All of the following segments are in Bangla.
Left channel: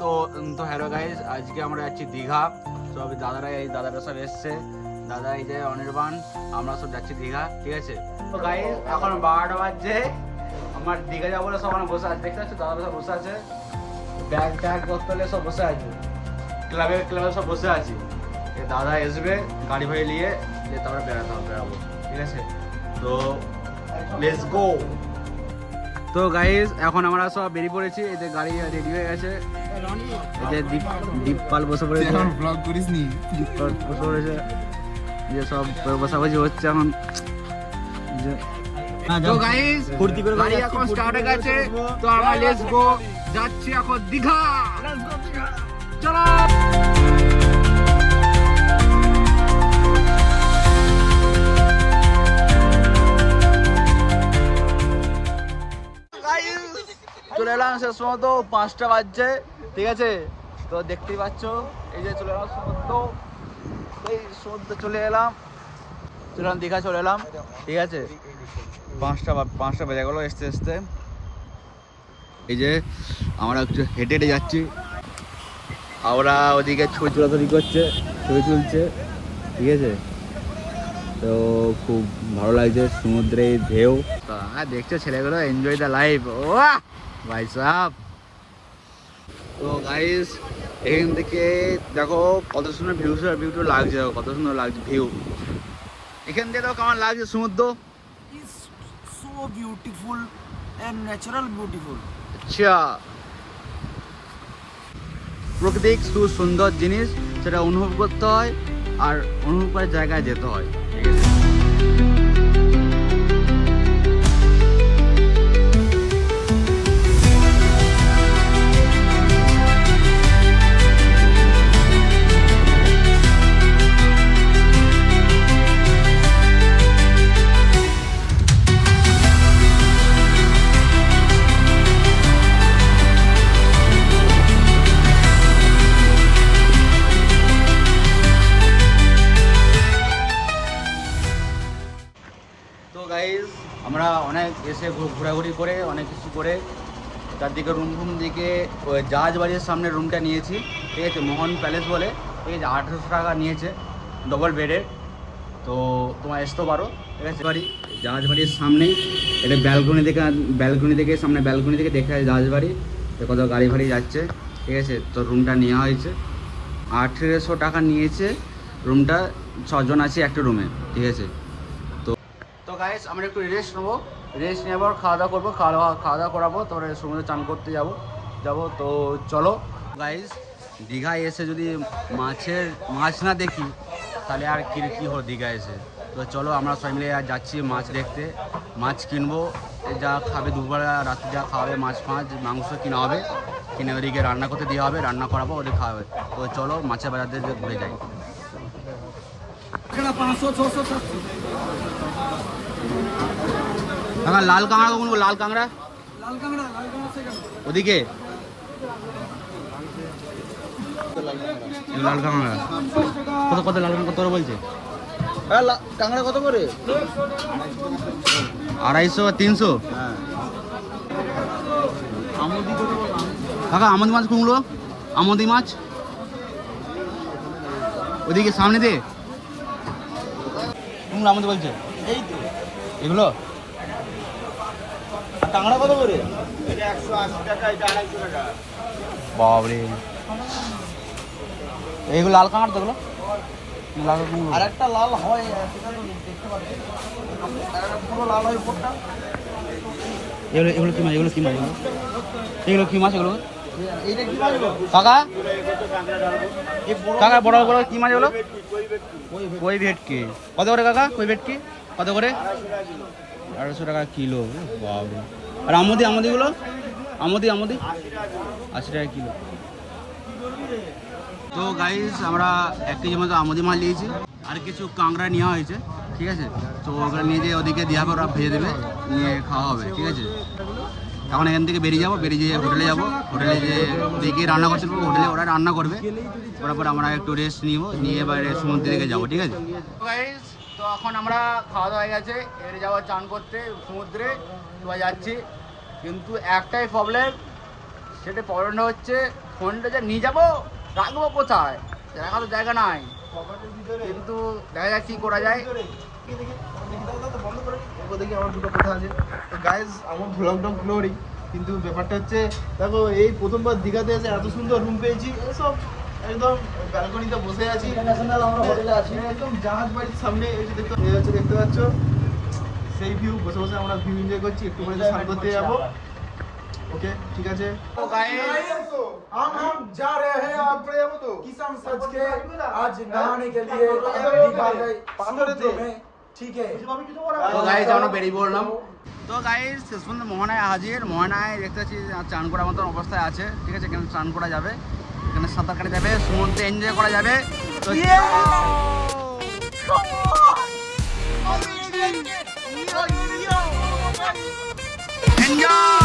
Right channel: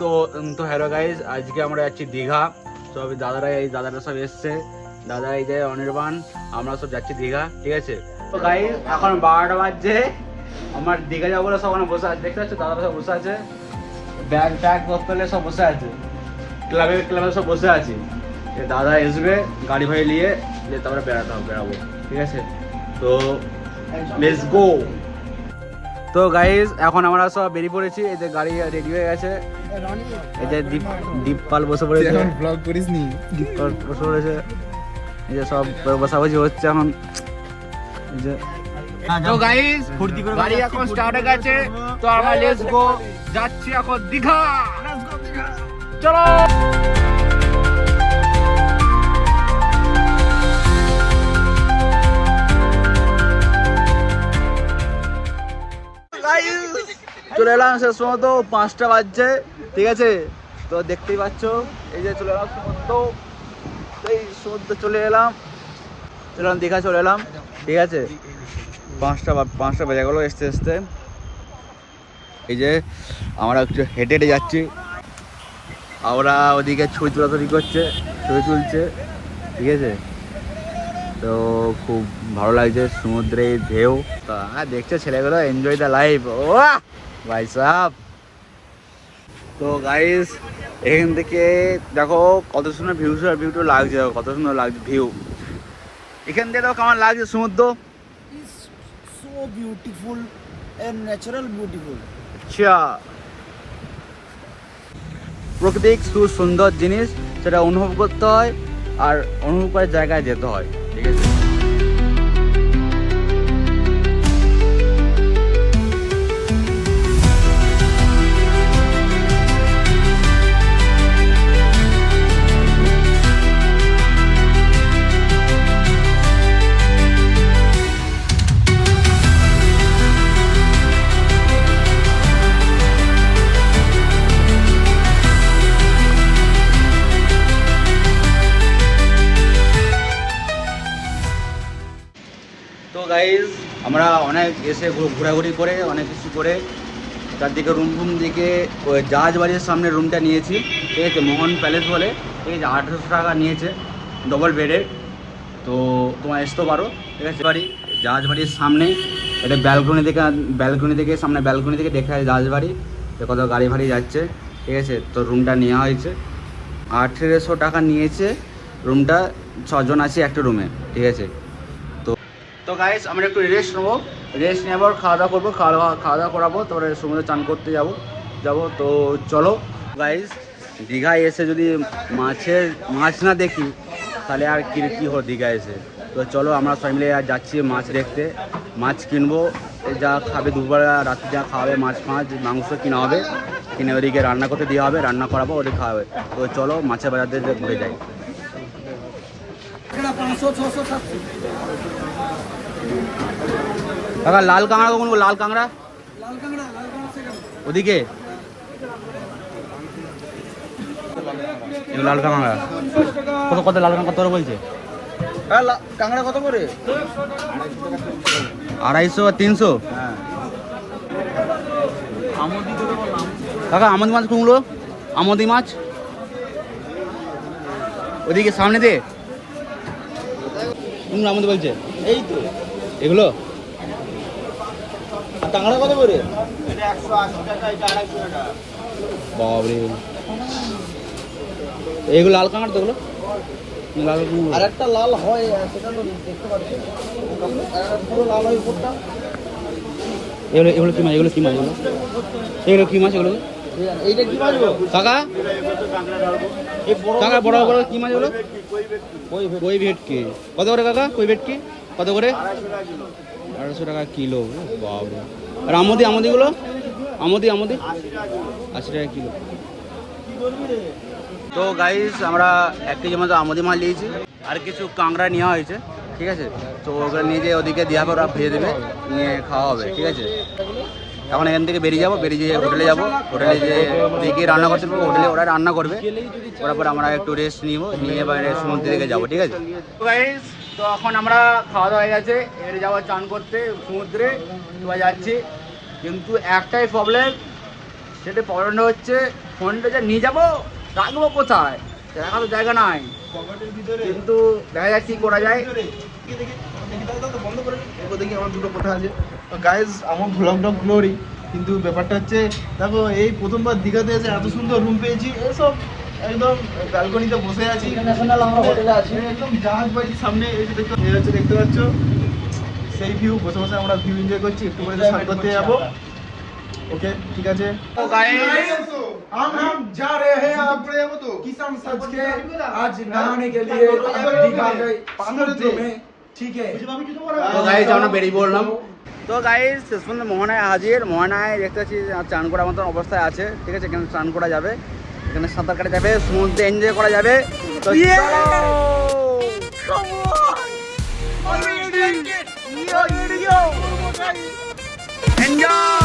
তো তো হ্যালো গাইস, আজকে আমরা যাচ্ছি দীঘা। সব দাদারা সব এসছে, দাদা এই যে অনির্বাণ, আমরা সব যাচ্ছি দীঘা, ঠিক আছে। তো গাইস এখন 12টা বাজছে, আমার দীঘা যাবো বলে সব বসে আছে, দেখতে পাচ্ছ দাদারা সব বসে আছে, ব্যাগ বক্তব্য সব বসে আছে, ক্লাবে সব বসে আছে। দাদা আসবে গাড়ি ভাড়ি নিয়ে, তারপরে বেড়াবো, ঠিক আছে। তো লেটস গো। তো গাইস এখন আমরা সব বেরিয়ে পড়েছি, এই যে গাড়ি রেডি হয়ে গেছে, এই যে দীপপাল বসে পড়েছে, এখন ব্লগ করিসনি? দীপপাল বসে পড়েছে, এই যে সব বসাবসি হচ্ছে এখন, এই যে। তো গাইস গাড়ি এখন স্টার্ট হয়ে গেছে, তো আমরা লেটস গো যাচ্ছি এখন দীঘা, চলো। চলে এলাম শেষ সময়, তো 5টা বাজছে, ঠিক আছে। তো দেখতেই পাচ্ছ এই যে চলে এলাম সমুদ্র, এই সমুদ্র চলে এলাম দীঘা চলে এলাম, ঠিক আছে। 5টা বেজে গেলো আসতে। এই যে আমরা একটু হেঁটে যাচ্ছি, আমরা ওদিকে ছবি তুলছে, ঠিক আছে। তো খুব ভালো লাগছে সমুদ্রে ঢেউ, দেখছো ছেলেগুলো এনজয় দ্য লাইফ, ও ভাই সাহেব। তো গাইস এখান থেকে দেখো কত সুন্দর ভিউটা লাগছে, কত সুন্দর লাগছে ভিউ এখান থেকে। দেখো কেমন লাগছে সমুদ্র, so beautiful and natural beautiful. আচ্ছা, প্রাকৃতিক সুন্দর জিনিস, সেটা অনুভব করতে হয়, আর অনুভব করার জায়গায় যেতে হয়, ঠিক আছে। গাইস আমরা অনেক এসে ঘোরাঘুরি করে অনেক কিছু করে চারদিকে রুম দিকে ওই জাহাজবাড়ির সামনে রুমটা নিয়েছি, ঠিক আছে, মোহন প্যালেস বলে, ঠিক আছে। 1800 টাকা নিয়েছে ডবল বেডের, তো তোমার আসতে পারো, ঠিক আছে। জাহাজবাড়ির সামনে এটা ব্যালকনি থেকে সামনে ব্যালকনি থেকে দেখা যায় জাহাজবাড়ি, কত গাড়ি ভাড়ি যাচ্ছে, ঠিক আছে। তো রুমটা নেওয়া হয়েছে, 1800 টাকা নিয়েছে রুমটা, 6 জন আছি একটা রুমে, ঠিক আছে। তো গাইস আমরা একটু রেস্ট নেবো, খাওয়া দাওয়া করবো, খাওয়া দাওয়া করাবো, তারপরে সমুদ্রে চান করতে যাবো। তো চলো গাইস, দীঘায় এসে যদি মাছ না দেখি তাহলে আর কি হলো দীঘায় এসে। তো চলো আমরা সবাই মিলে যাচ্ছি মাছ দেখতে, মাছ কিনবো, যা খাবে দুপুরবেলা রাতে যা খাওয়াবে, মাছ মাংস কিনা হবে, কিনে ওদিকে রান্না করতে দেওয়া হবে, রান্না করাবো, ওদিকে খাওয়াবে। তো চলো মাছের বাজার দিয়ে ঘুরে যাই। কাকা লাল কাঁকড়া কখন? লাল কাঁকড়া ওদিকে, লাল কাঁকড়া কত লাল কাঁকড়া কত বলছে? কাঁকড়া কত করে? 250 আর 300। কাকা আমদি মাছ কোনগুলো? আমদি মাছ ওদিকে সামনে দিয়ে কোনগুলো আমদি বলছে? এই তো এগুলো। আর কাঁকড়া কত করে? বাবরে, এগুলো লাল কাঁকড়া তো, এগুলো লাল। আর একটা লাল হয় সেটা তো দেখতে পাচ্ছি, পুরো লাল হয় উপরটা। এগুলো কি মাছ? এগুলো কি মাছ? এগুলো এইটা কি মাছ গো কাকা? এই কাকা বড় কি মাছ এগুলো? কই ভেটকি কত করে কাকা? কই ভেটকি কত করে? 1800 টাকা কিলো, বাবরে। আর আমদিগুলো? আমদি 80 টাকা কিলো। তো গাইস আমরা 1 কেজি মতো আমদি মাছ নিয়েছি, আর কিছু কাঁকড়া নেওয়া হয়েছে, ঠিক আছে। তো ওগুলো নিয়ে যেয়ে ওদিকে দেওয়া হবে, ওরা ভেজে দেবে, নিয়ে খাওয়া হবে, ঠিক আছে। এখন এখান থেকে বেরিয়ে যেয়ে হোটেলে যাবো, হোটেলে যে ওদিকে রান্না করতে পারবো, হোটেলে ওরা রান্না করবে, ওরা পরে আমরা একটু রেস্ট নিয়ে বাইরে সমুদ্রের দিকে যাবো, ঠিক আছে। তো এখন আমরা খাওয়া দাওয়া হয়ে গেছে, এবারে যাবো চান করতে সমুদ্রে, এবার যাচ্ছি। কিন্তু একটাই প্রবলেম, সেটা প্রবলেমটা হচ্ছে ফোনটা যে নিয়ে যাবো রাখবো কোথায়, রাখার তো জায়গা নাই, কিন্তু দেখা যাক কি করা যায়। বন্ধ করে দেখি আমার দুটো কথা আছে গাইজ, আমার ভ্লগটা গ্লোরি, কিন্তু ব্যাপারটা হচ্ছে দেখো এই প্রথমবার দীঘাতে এসে এত সুন্দর রুম পেয়েছি, এসব একদম ব্যালকনিতে বসে আছি, ইন্টারন্যাশনাল আমরা হোটেলে আছি, একদম জাহাজ বাড়ির সামনে এই যে দেখতে পাচ্ছ সেই ভিউ, বসে বসে আমরা ভিউ এনজয় করছি, একটু করে স্নান করতে যাবো। ओके ठीक है। तो गाइस हम जा रहे हैं आप किसान सज के आज नहाने के लिए दीघा गए समुद्र में, ठीक है। তো গাইস আমরা বেরিয়ে পড়লাম। তো গাইস শেষ পর্যন্ত মোহনায় হাজির। মোহনায় দেখতে পাচ্ছি চান করার মতন অবস্থায় আছে, ঠিক আছে। এখানে চান করা যাবে, এখানে সাঁতার কাটা যাবে, সমুদ্রে এনজয় করা যাবে। তো এনজয়।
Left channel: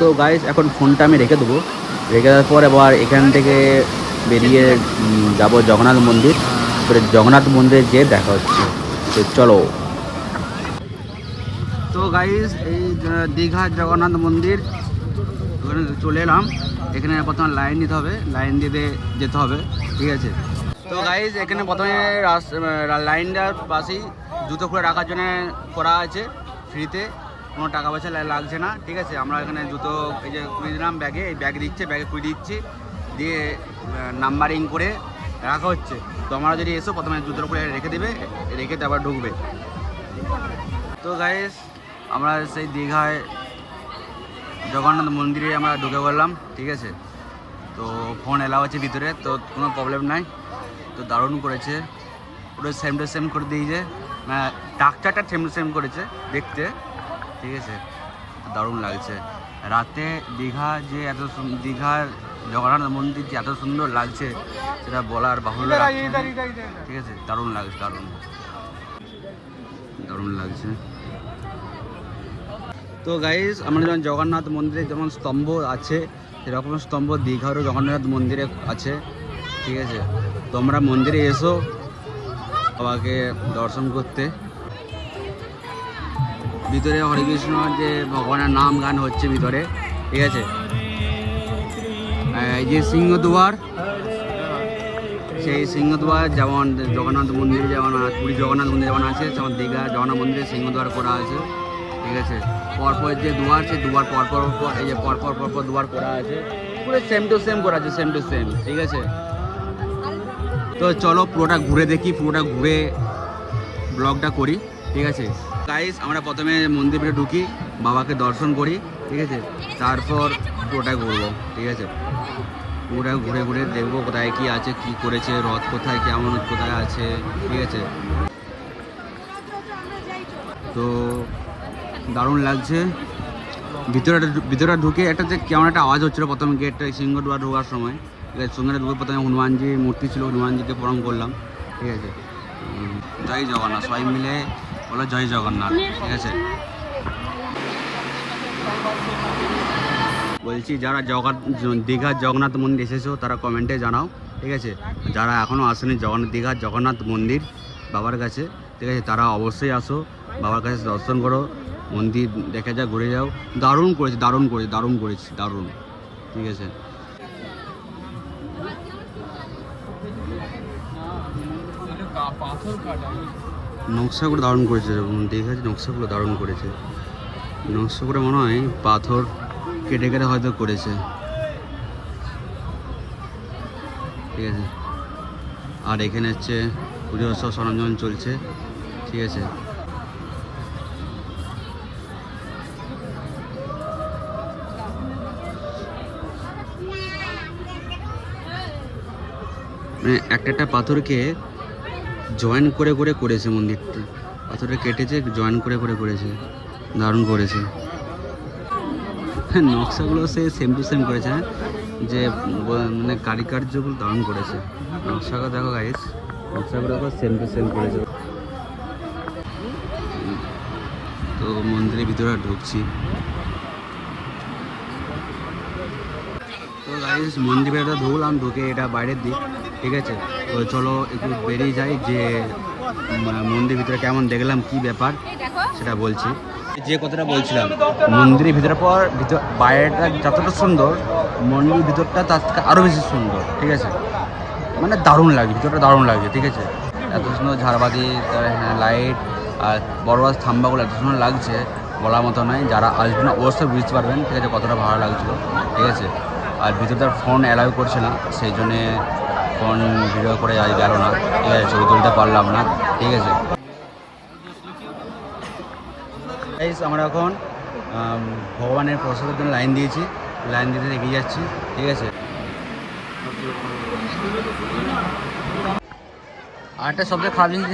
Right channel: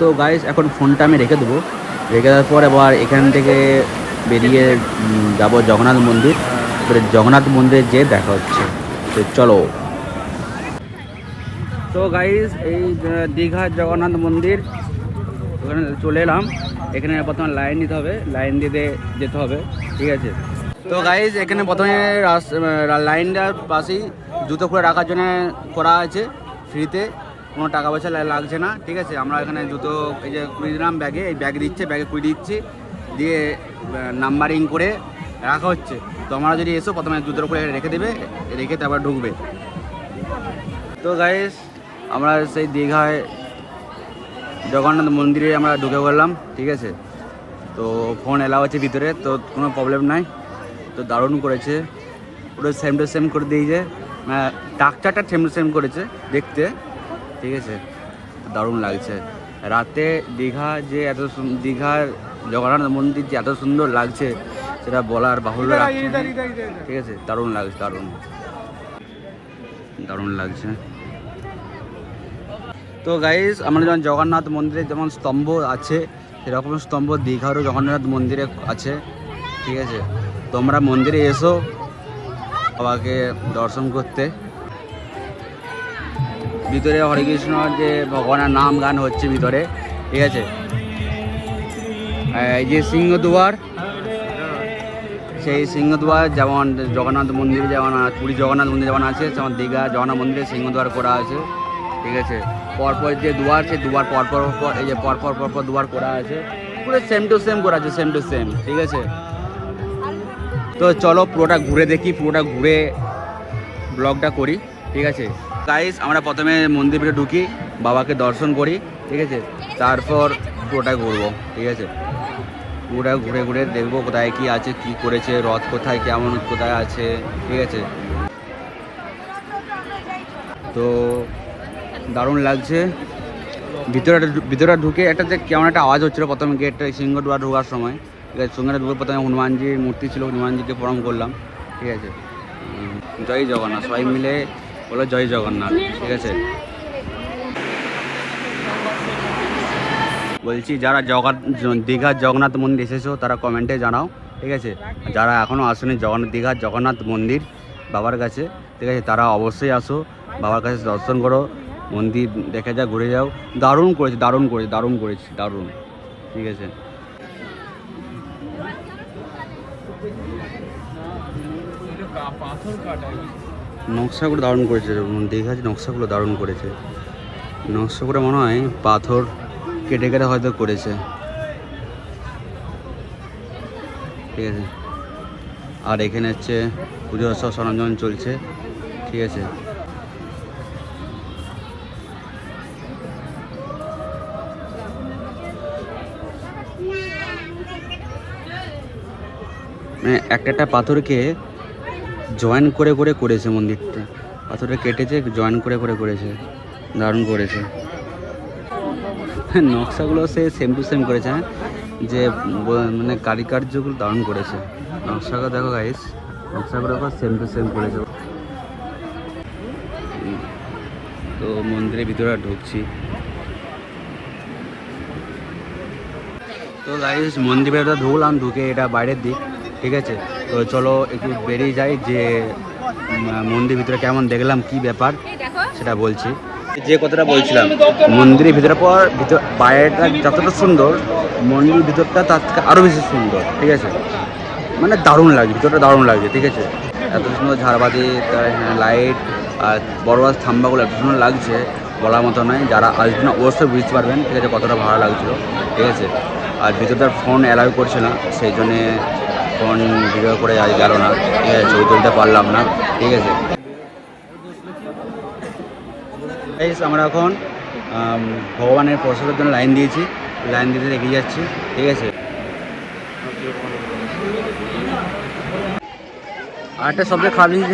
তো গাইস এখন ফোনটা আমি রেখে দেবো, রেখে দেওয়ার পর এবার এখান থেকে বেরিয়ে যাব জগন্নাথ মন্দির। এবারে জগন্নাথ মন্দিরে যেয়ে দেখা হচ্ছে, তো চলো। তো গাইস এই দীঘার জগন্নাথ মন্দির, ওখানে চলে এলাম। এখানে প্রথমে লাইন দিতে হবে, লাইন দিতে যেতে হবে, ঠিক আছে। তো গাইস এখানে প্রথমে লাইনটার পাশেই জুতো খুলে রাখার জন্য করা আছে ফ্রিতে, কোনো টাকা পয়সা লাগছে না, ঠিক আছে। আমরা এখানে জুতো এই যে কুড়িয়ে দিলাম ব্যাগে, এই ব্যাগ দিচ্ছে, ব্যাগে কুড়িয়ে দিচ্ছি, দিয়ে নাম্বারিং করে রাখা হচ্ছে। তো আমরা যদি এসো প্রথমে জুতোর উপরে রেখে দেবে, রেখে তারপর ঢুকবে। তো গাইস আমরা সেই দীঘায় জগন্নাথ মন্দিরে আমরা ঢুকে পড়লাম, ঠিক আছে। তো ফোন এলাও আছে ভিতরে, তো কোনো প্রবলেম নাই। তো দারুণ করেছে, পুরো সেম টু সেম করে দিয়েছে, টাকচারটা সেম টু সেম করেছে দেখতে, ঠিক আছে। দারুণ লাগছে। রাতে দীঘা যে এত দীঘার জগন্নাথ মন্দির যে এত সুন্দর লাগছে সেটা বলার বাহুল্য লাগছে, ঠিক আছে। দারুণ লাগছে, দারুণ লাগছে। তো গাইস আমরা যেমন জগন্নাথ মন্দিরে যেমন স্তম্ভ আছে, সেরকম স্তম্ভ দীঘারও জগন্নাথ মন্দিরে আছে, ঠিক আছে। তোমরা মন্দিরে এসো বাবাকে দর্শন করতে। ভিতরে হরে কৃষ্ণ যে ভগবানের নাম গান হচ্ছে ভিতরে, ঠিক আছে। এই যে সিংহদুয়ার, সেই সিংহদুয়ার যেমন জগন্নাথ মন্দিরে যেমন পুরী জগন্নাথ মন্দির যেমন আছে, যেমন দীঘা জগন্নাথ মন্দিরে সিংহদুয়ার করা আছে, ঠিক আছে। পরপর যে দুয়ার, সেই দুয়ার পরপর এই যে পরপর দুয়ার করা আছে, পুরো সেম টু সেম করা আছে, সেম টু সেম, ঠিক আছে। তো চলো পুরোটা ঘুরে দেখি, পুরোটা ঘুরে ব্লগটা করি, ঠিক আছে। গাইস আমরা প্রথমে মন্দিরে ঢুকি, বাবাকে দর্শন করি, ঠিক আছে। তারপর পুরোটা ঘুরবো, ঠিক আছে। পুরোটা ঘুরে ঘুরে দেখবো কোথায় কি আছে, কি করেছে, রথ কোথায় কেমন কোথায় আছে, ঠিক আছে। তো দারুণ লাগছে। ভিতরে ঢুকে একটা যে কেমন একটা আওয়াজ হচ্ছিলো প্রথমে গেটটা সিংহদুয়ার ঢোকার সময়, ঠিক আছে। সঙ্গে ঢুকে প্রথমে হনুমানজির মূর্তি ছিল, হনুমানজিকে প্রণাম করলাম, ঠিক আছে। জয় জগন্নাথ, সবাই মিলে বলো জয় জগন্নাথ, ঠিক আছে। বলছি যারা দীঘার জগন্নাথ মন্দির এসেছো তারা কমেন্টে জানাও, ঠিক আছে। যারা এখনও আসেনি দীঘার জগন্নাথ মন্দির বাবার কাছে, ঠিক আছে, তারা অবশ্যই আসো। বাবার কাছে দর্শন করো, মন্দির দেখে যাও, ঘুরে যাও। দারুণ করেছে, দারুণ করেছে, দারুণ করেছে, দারুণ। ঠিক আছে, নকশাগুলো দারুণ করেছে, দেখে আছে নকশাগুলো দারুণ করেছে। নকশাগুলো মনে হয় পাথর কেটে কেটে হয়তো করেছে। ঠিক আছে, আর এখানে হচ্ছে পুজোর সব সরঞ্জাম চলছে। ঠিক আছে, মানে একটা একটা পাথরকে জয়েন করে করে করেছে মন্দিরটা। পাথরটা কেটেছে, জয়েন করে করে করেছে, দারুণ করেছে। নকশাগুলো সে সেম টু সেম করেছে, হ্যাঁ, যে মানে কারিকার্যগুলো দারুণ করেছে। নকশাগুলো দেখো গাইস, নকশাগুলো সেম টু সেম করেছে। তো মন্দিরের ভিতরে ঢুকছি। তো গাইস মন্দিরের ভেতরে ঢুকলাম, ঢুকে এটা বাইরের দিক। ঠিক আছে, তো চলো একটু বেরিয়ে যাই, যে মন্দির ভিতরে কেমন দেখলাম, কি ব্যাপার সেটা বলছি। যে কথাটা বলছিলাম, মন্দিরের ভিতরে পর বাইরেটা যতটা সুন্দর, মন্দির ভিতরটা তার থেকে আরও বেশি সুন্দর। ঠিক আছে, মানে দারুণ লাগে, ভিতরটা দারুণ লাগে। ঠিক আছে, এত সুন্দর ঝাড়বাতি, লাইট আর বড় বড় থাম্বাগুলো এত সুন্দর লাগছে, বলার মতো নয়। যারা আসবেন অবশ্যই বুঝতে পারবেন, ঠিক আছে, কতটা ভালো লাগছিল। ঠিক আছে, আর ভিতরটার ফোন অ্যালাউ করছে না, সেই জন্যে ফোন ভিডিও করে আজ গেল না। ঠিক আছে, ছবি তুলতে পারলাম না। ঠিক আছে, আমরা এখন ভগবানের প্রসাদের জন্য লাইন দিয়েছি, লাইন দিতে এগিয়ে যাচ্ছি। ঠিক আছে, আর একটা সবচেয়ে খারাপ জিনিস,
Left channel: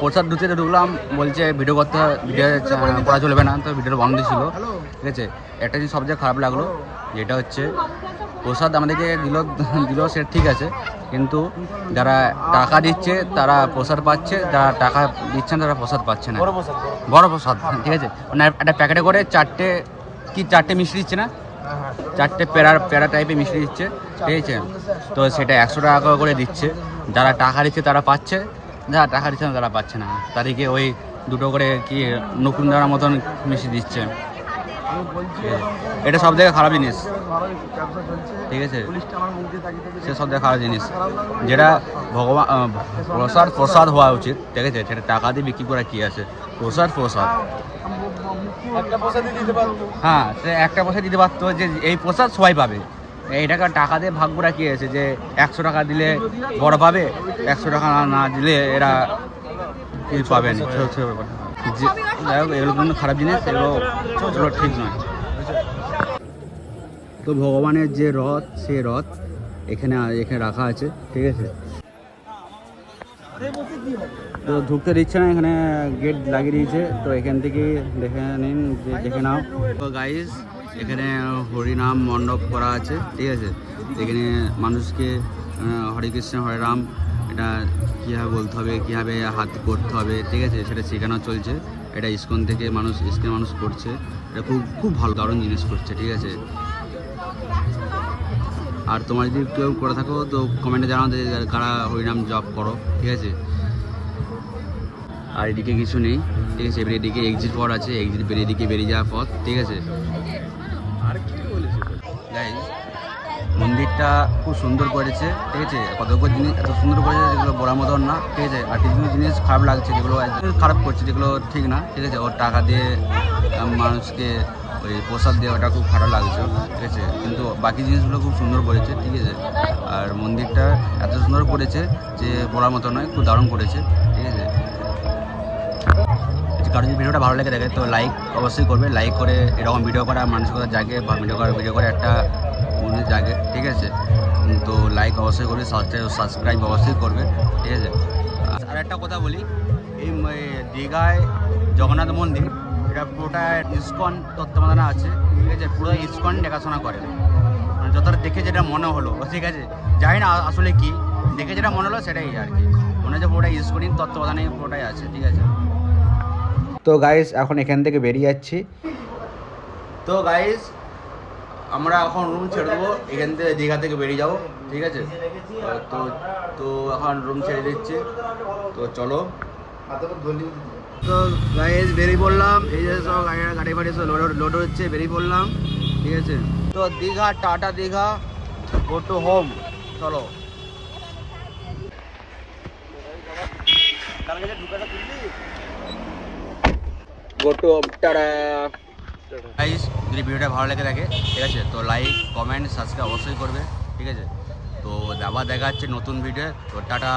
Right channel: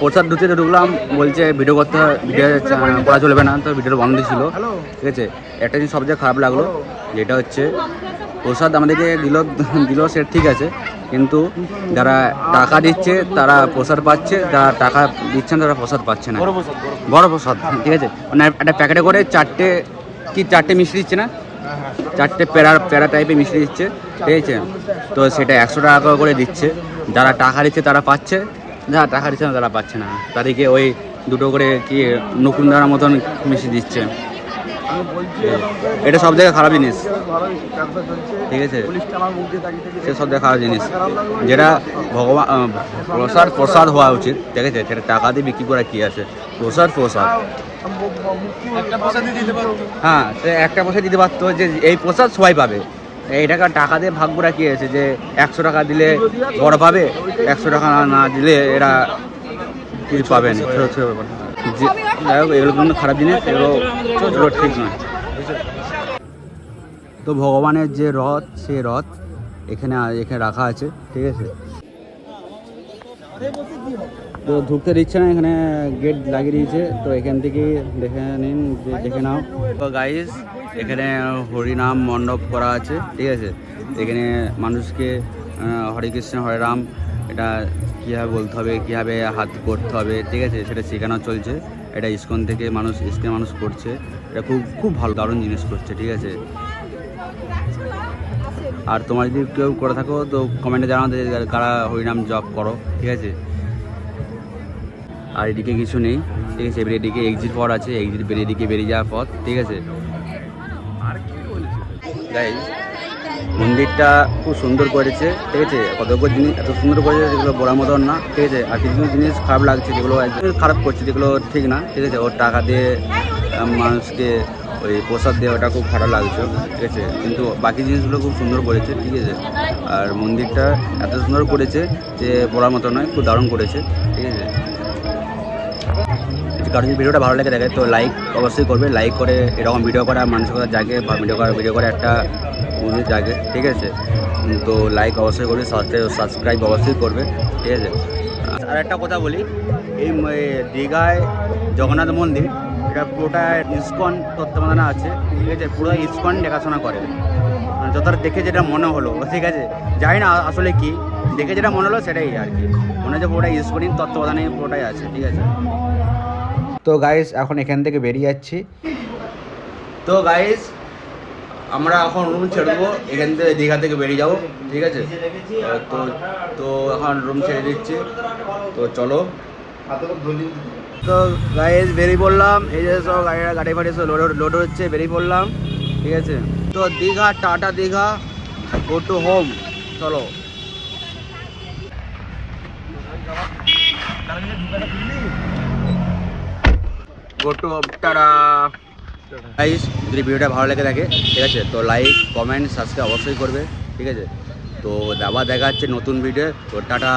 প্রসাদ ঢুকলাম, বলছে ভিডিও করতে, ভিডিও করা চলবে না, তো ভিডিওটা বন্ধ ছিল। ঠিক আছে, একটা জিনিস সবচেয়ে খারাপ লাগলো, যেটা হচ্ছে প্রসাদ আমাদেরকে দিল সে ঠিক আছে, কিন্তু যারা টাকা দিচ্ছে তারা প্রসাদ পাচ্ছে, যারা টাকা দিচ্ছেন তারা প্রসাদ পাচ্ছে না। বড় প্রসাদ, ঠিক আছে, মানে একটা প্যাকেটে করে চারটে মিষ্টি দিচ্ছে না, চারটে প্যারা টাইপের মিষ্টি দিচ্ছে। ঠিক আছে, তো সেটা 100 টাকা করে দিচ্ছে। যারা টাকা দিচ্ছে তারা পাচ্ছে, যারা টাকা দিচ্ছে না তারা পাচ্ছে না। তাদেরকে ওই দুটো করে কি নকুনদানার মতন মিষ্টি দিচ্ছে। এটা সব থেকে খারাপ জিনিস। ঠিক আছে, সে সব থেকে খারাপ জিনিস, যেটা ভগবান প্রসাদ হওয়া উচিত। ঠিক আছে, সেটা টাকা দিয়ে বিক্রি করা কি আছে, প্রসাদ। হ্যাঁ, সে একটা পয়সা দিতে পারতো, যে এই প্রসাদ সবাই পাবে। এইটাকে টাকা দিয়ে ভাগ করা কি আছে, যে 100 টাকা দিলে বড় পাবে, 100 টাকা না দিলে এরা কিছু পাবে না। যাই হোক, এগুলো কিন্তু খারাপ জিনিস, এগুলো ঠিক নয়। তো ভগবানের যে রথ, সেই রথ এখানে রাখা আছে। ঠিক আছে, তো ঢুকতে দিচ্ছে না, এখানে গেট লাগিয়ে দিয়েছে। তো এখান থেকে দেখে নিন, দেখে নাও। তো গাইস, এখানে হরিনাম মণ্ডপ করা আছে। ঠিক আছে, এখানে মানুষকে হরে কৃষ্ণ হরে রাম এটা কীভাবে বলতে হবে, কীভাবে হাত করতে হবে, ঠিক আছে, সেটা শেখানো চলছে। এটা ইসকন থেকে মানুষ করছে। এটা খুব ভালো, দারুণ জিনিস করছে। ঠিক আছে, আর তোমরা যদি কেউ করে থাকো তো কমেন্টে জানাতে, কারা হরিনাম জপ করো। ঠিক আছে, আর এদিকে কিছু নেই। ঠিক আছে, এবার এদিকে এক্সিট পথ আছে, এদিকে বেরিয়ে যাওয়ার পথ। ঠিক আছে গাইস, মন্দিরটা খুব সুন্দর করেছে। ঠিক আছে, কতগুলো জিনিস এত সুন্দর করেছে যেগুলো বলার মতন না। ঠিক আছে, আর কিছু জিনিস খারাপ লাগছে, যেগুলো খারাপ করছে, যেগুলো ঠিক না। ঠিক আছে, ওর টাকা দিয়ে মানুষকে ওই প্রসাদ দিয়ে, ওটা খুব খারাপ লাগছে। ঠিক আছে, কিন্তু বাকি জিনিসগুলো খুব সুন্দর করেছে। ঠিক আছে, আর মন্দিরটা এত সুন্দর করেছে যে বলার মতো নয়, খুব দারুণ করেছে। ঠিক আছে, কারণ যদি ভিডিওটা ভালো লাগে দেখে তো লাইক অবশ্যই করবে। লাইক করে এরকম ভিডিও করা মানুষের কথা জাগে, বা ভিডিও করে একটা মন্দির জাগে। ঠিক আছে, তো লাইক অবশ্যই করবে, সাবস্ক্রাইব অবশ্যই করবে। ঠিক আছে, আর একটা কথা বলি, এই দীঘায় জগন্নাথ মন্দির, এটা পুরোটা ইসকন তত্ত্বাবধানে আছে। ঠিক আছে, পুরো ইসকন দেখাশোনা করে, মানে যতটা দেখে যেটা মনে হলো। ঠিক আছে, জানি না আসলে কি, দেখে যেটা মনে হলো সেটাই আর কি, মনে হচ্ছে পুরোটা ইসকনের তত্ত্বাবধানে পুরোটাই আছে। ঠিক আছে, তো গাইস এখন এখান থেকে বেরিয়ে যাচ্ছি। তো গাইস আমরা এখন রুম ছেড়ে দেবো, এখান থেকে দীঘা থেকে বেরিয়ে যাবো। ঠিক আছে, তো এখন রুম ছেড়ে দিচ্ছি। তো চলো। তো গাইজ বেরিয়ে পড়লাম, এই যে সব গাড়ি ফাড়ি সব লোড হচ্ছে, বেরিয়ে পড়লাম, ঠিক আছে। তো Digha, tata Digha, go to home, চলো। Go to home, tata. Guys যদি ভিডিওটা ভালো লেগে থাকে, ঠিক আছে, তো লাইক কমেন্ট সাবস্ক্রাইব অবশ্যই করবে, ঠিক আছে। তো আবার দেখা যাচ্ছে নতুন ভিডিও, তো টাটা।